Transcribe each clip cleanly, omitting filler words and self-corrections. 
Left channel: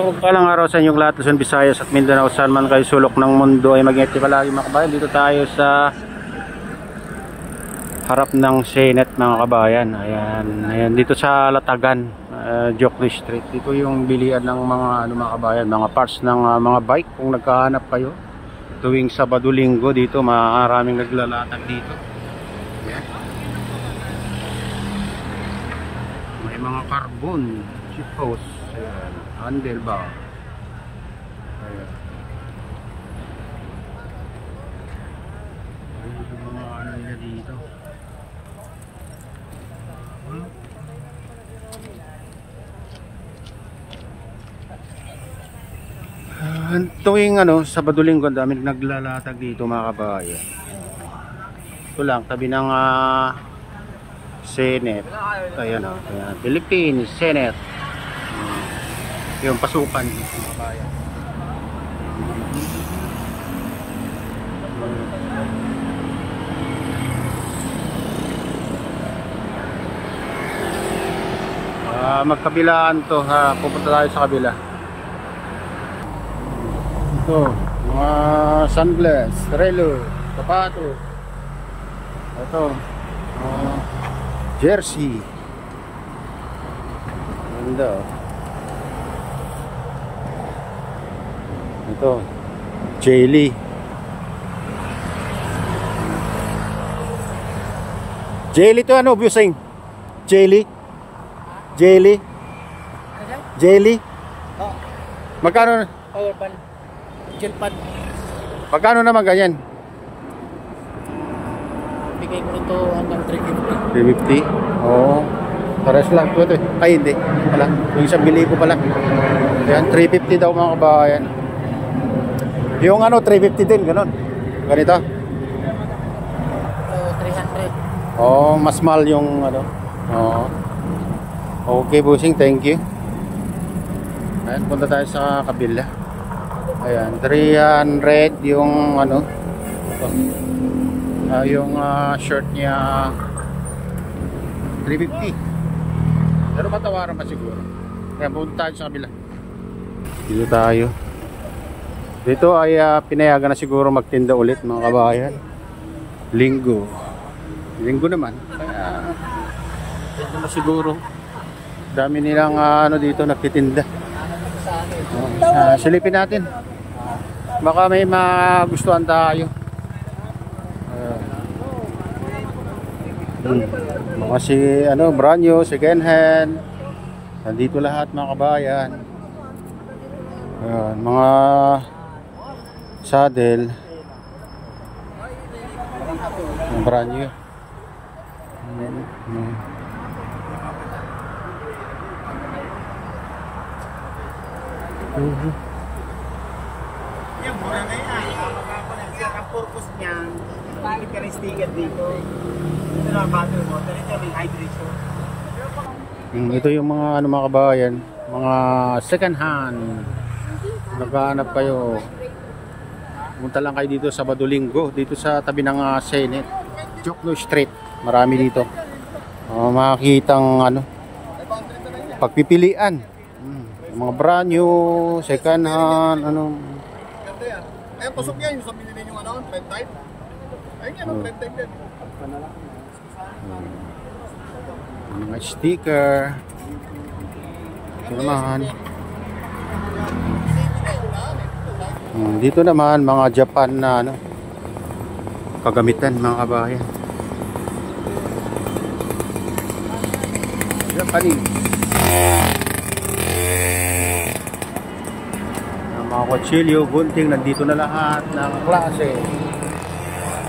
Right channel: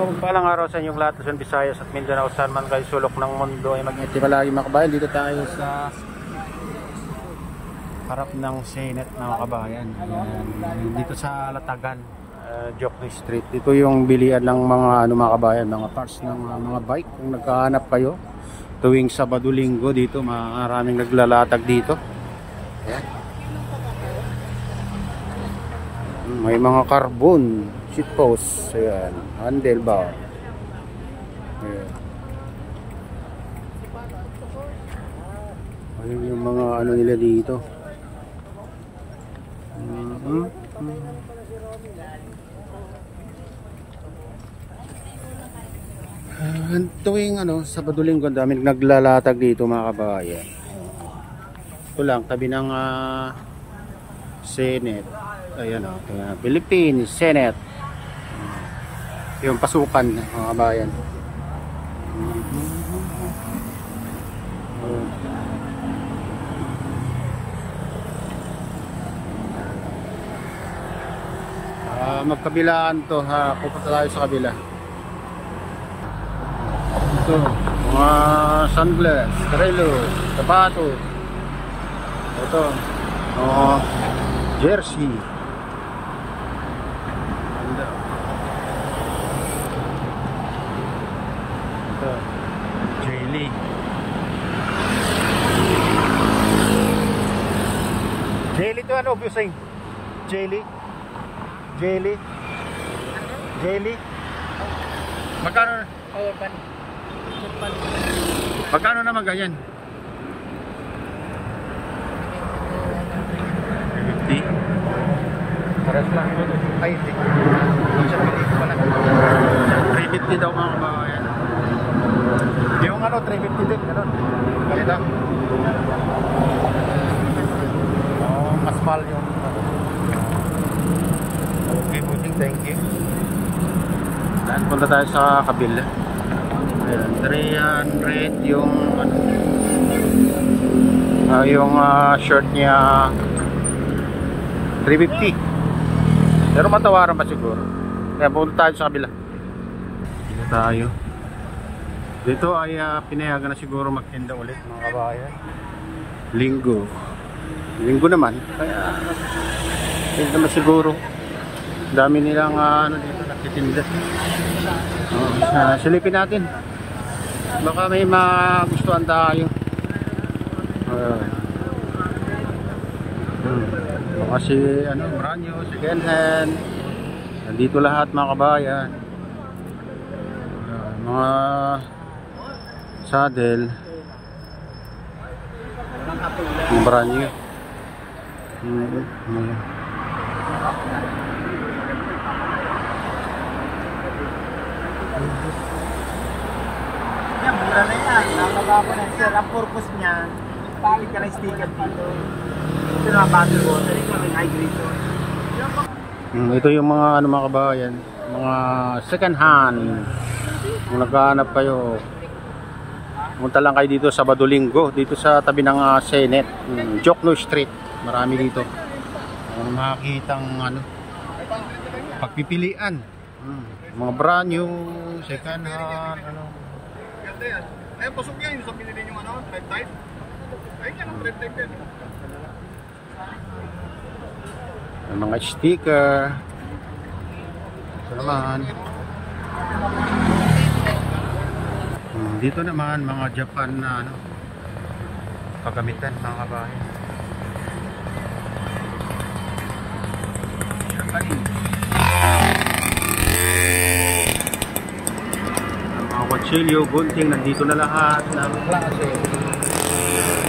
Palang araw sa inyong lahat, Luzon, Visayas at Mindanao, saan man kayo sulok ng mundo ay mag-ingat palagi mga kabayan. Dito tayo sa harap ng Senet mga kabayan. Ayan, dito sa Latagan, Jokno Street. Dito yung bilian ng mga mga kabayan, mga parts ng mga bike. Kung nagkahanap kayo tuwing Sabado Linggo, dito maraming naglalatag dito. Ayan. May mga carbon seat post, ayan, handlebar, ayan. Ayan yung mga ano nila dito. Tuwing Sabado Linggo, daming naglalatag dito mga kabayan. Ito lang, tabi ng Senet. Ayan ayan, Philippines Senet. Yung pasukan mga kabayan. Magkabilaan to, pupunta tayo sa kabila. Ito, mga sunglass, relo, sapato. Ito, jersey. Ganda. Ito, jelly. Jelly to Busing? Jelly? Jelly? Jelly? Magkano? Magkano naman ganyan? Bigay mo ito hanggang 350. 350? Oo. Pares lang ito. Ay hindi. Wala. Yung 1,000 pala. Yan, 350 daw mga kabayan. Yung 350 din, ganun. Ganito. Oh, mas mahal yung Oh. Okay, bossing, thank you. Ayan, punta tayo sa kabila. Ayan, 300 yung yung shirt niya 350. Pero matawaran pa siguro. Kaya punta tayo sa kabila. Dito tayo. Dito ay pinayagan na siguro magtinda ulit mga kabayan. Linggo naman. Kaya pwede naman siguro. Dami nilang dito nagtitinda. Silipin natin. Baka may magustuhan tayo. Baka brand new, second hand. Nandito lahat mga kabayan. Mga saddle. Mga brand new. Yan, mura na yan. Namagawa na. Sir, ang purpose niyan, tawid ka ng sticker dito. Ito na bottle water. Ito may hydration. Ito yung mga mga kabayan, mga second hand. Kung naghahanap kayo, pumunta lang kayo dito Sabado Linggo, dito sa tabi ng Senet, Jokno Street. Marami dito. Makikitang pagpipilian. Mga brand new, second hand, Ganda yan. Ayan, pasok yan yung sa binili yung thread type. Ayun yan, thread type din. Mga sticker. Ito naman. Dito naman mga Japan na kagamitan mga kabayan. Japanese. Mga kutsilyo, gunting, nandito na lahat ng klase.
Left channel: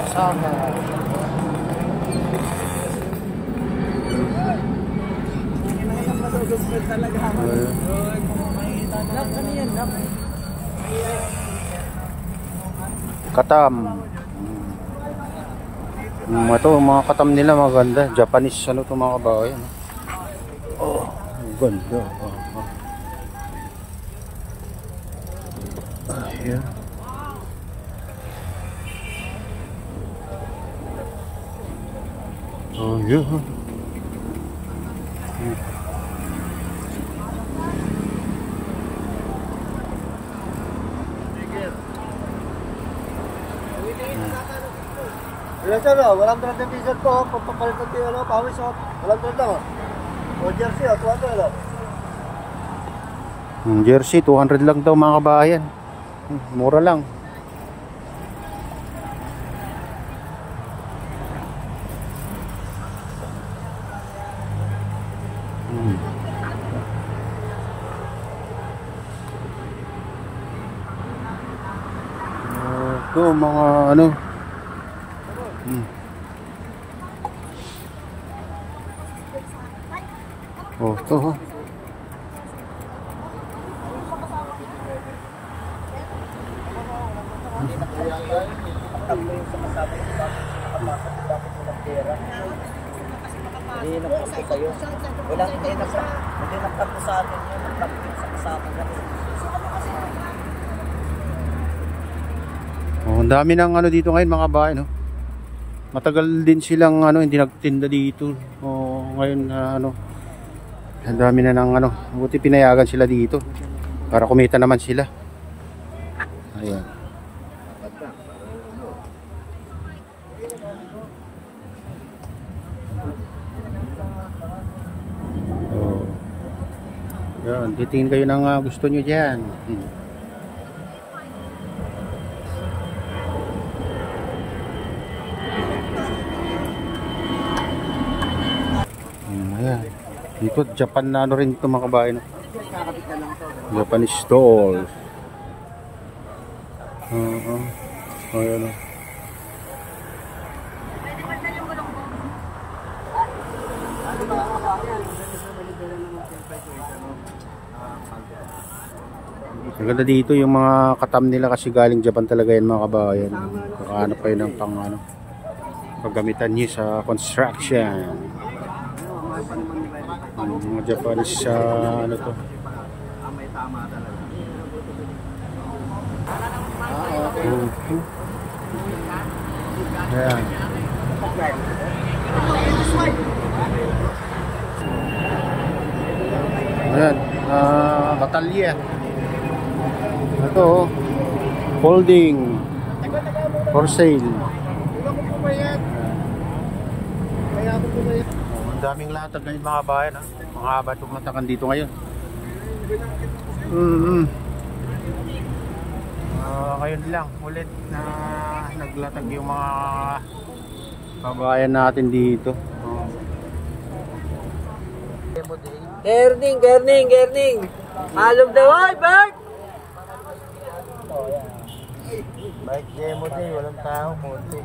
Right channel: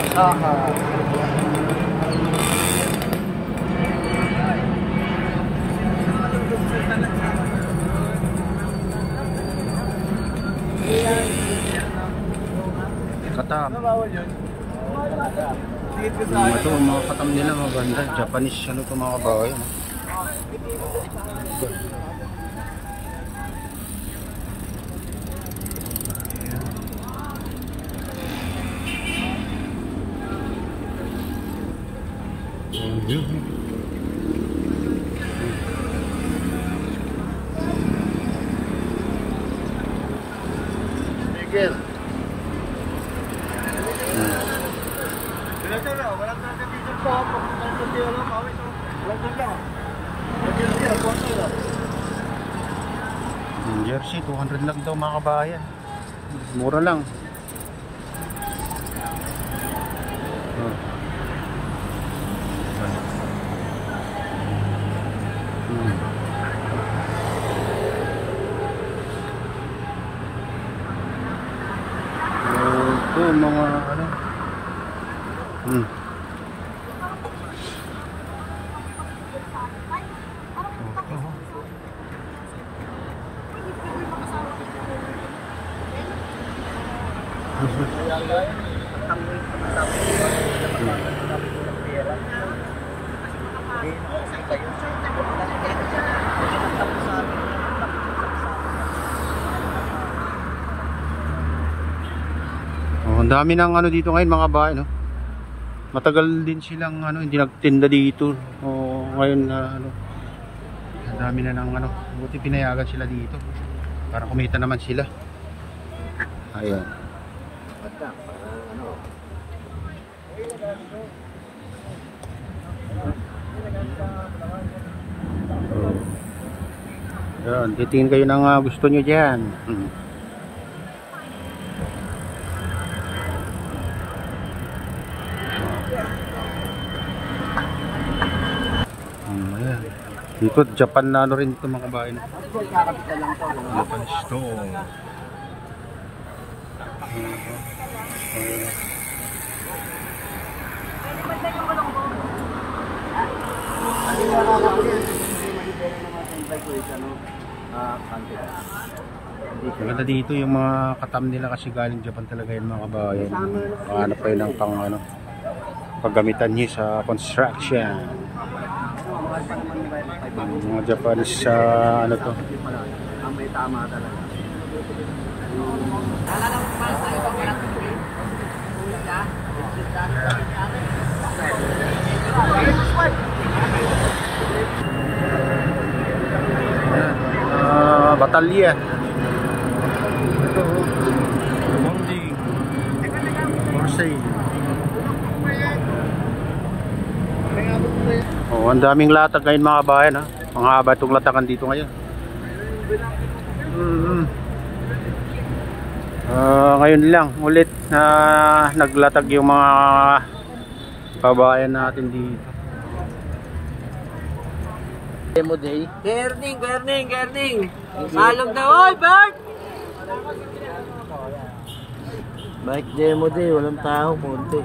Asaha. Katam. Ito, mga katam nila maganda. Japanese to mga kabayan. Ganda. Yeah. Oh, yeah. Ito na, walang drop ng t-shirt ko. Papapalit ng tiyo lang, pawis ha. Walang drop lang. O jersey ha, tuwa to lang. Jersey, 200 lang daw mga kabayan. Mura lang. Ito mga ano. Oh, ito. Oh, ang dami ng ano dito ngayon mga bahay, no? Matagal din silang ano, hindi nagtinda dito. Oh, ngayon ano, ang dami na ng ano, buti pinayagan sila dito para kumita naman sila. Ayan. Oh. Yan, titingin kayo ng gusto nyo dyan. Ayan. Dito Japan na ano rin ito mga kabayan. Japanese stall. Ayan. Maganda dito yung mga katam nila kasi galing Japan talaga yan mga kabayan. Kakahanap pa yun ng pang ano, paggamitan niyo sa construction. Mga Japanese ano to. Ayan. Ayan, batalya. Ito, folding for sale. Oh, ang daming latag ngayon mga bayan ha. Mga haba itong latakan dito ngayon. Ngayon lang ulit na naglatag yung mga kabayan natin dito. Demo day. Gerning. Malog daw, oy, Bert! Bike demo day, walang tao, konti.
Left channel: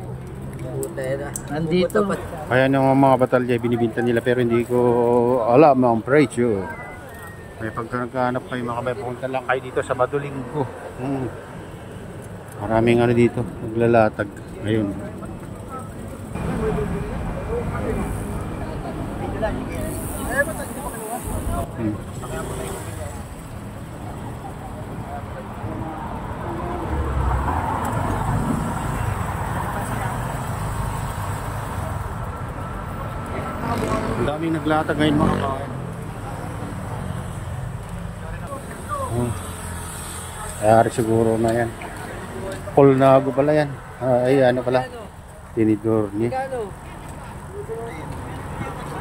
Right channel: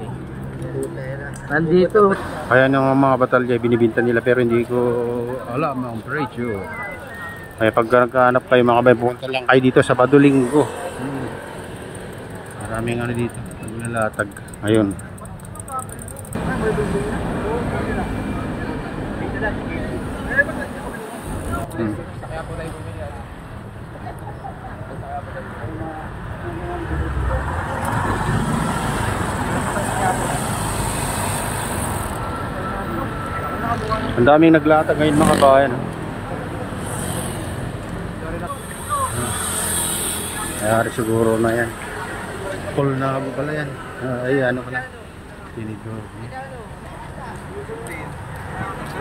Nandito. Ayan yung mga batalya binibinta nila pero hindi ko alam ang presyo. Kaya pag nagkahanap kayo mga kabayan, punta lang kayo dito sa Badulinggo. Maraming ano dito, naglalatag. Ayun. Ang daming naglatag ngayon mga kabayan. Kaya siguro na yan. Full na pala yan. Ay ano pala, tinidor niya.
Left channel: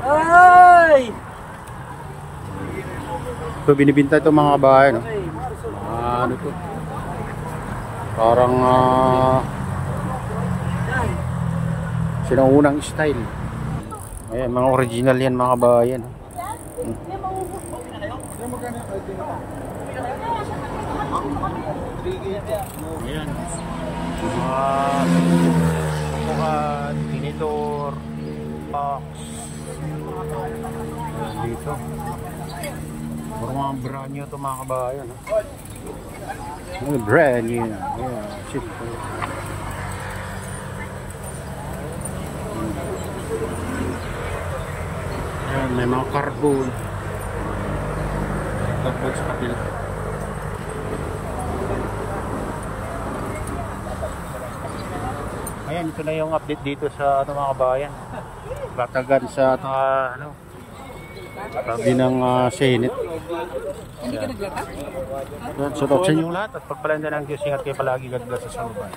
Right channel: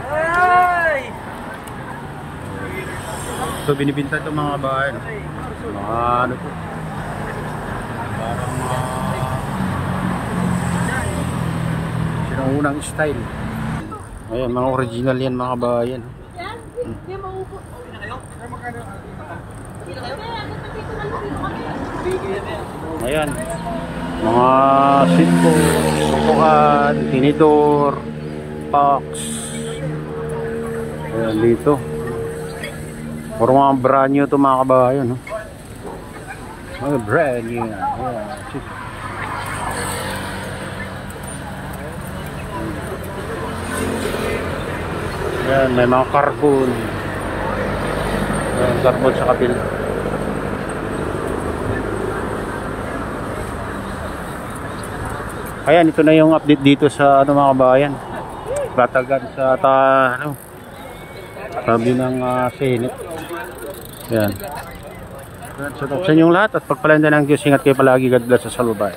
Ay! So binibinta ito mga kabayan, no? Mga ano to, parang sinaunang style. Ayan, mga original yan mga kabayan, no? Ayan, mga silbo, bukan, tinidor, box. Ayan dito. Puro mga brand new ito mga kabayan, no? Mga brand new. Ayan, silbo. Ayan, may mga carbon. Ayan, carbon sa kabila. Ayan, ito na yung update dito sa ano mga kabayan. Batagan sa ano, sabi ng Senate. Ayan. So, sa yung lahat at pagpalanda ng Diyos, ingat kayo palagi. God bless sa salubay.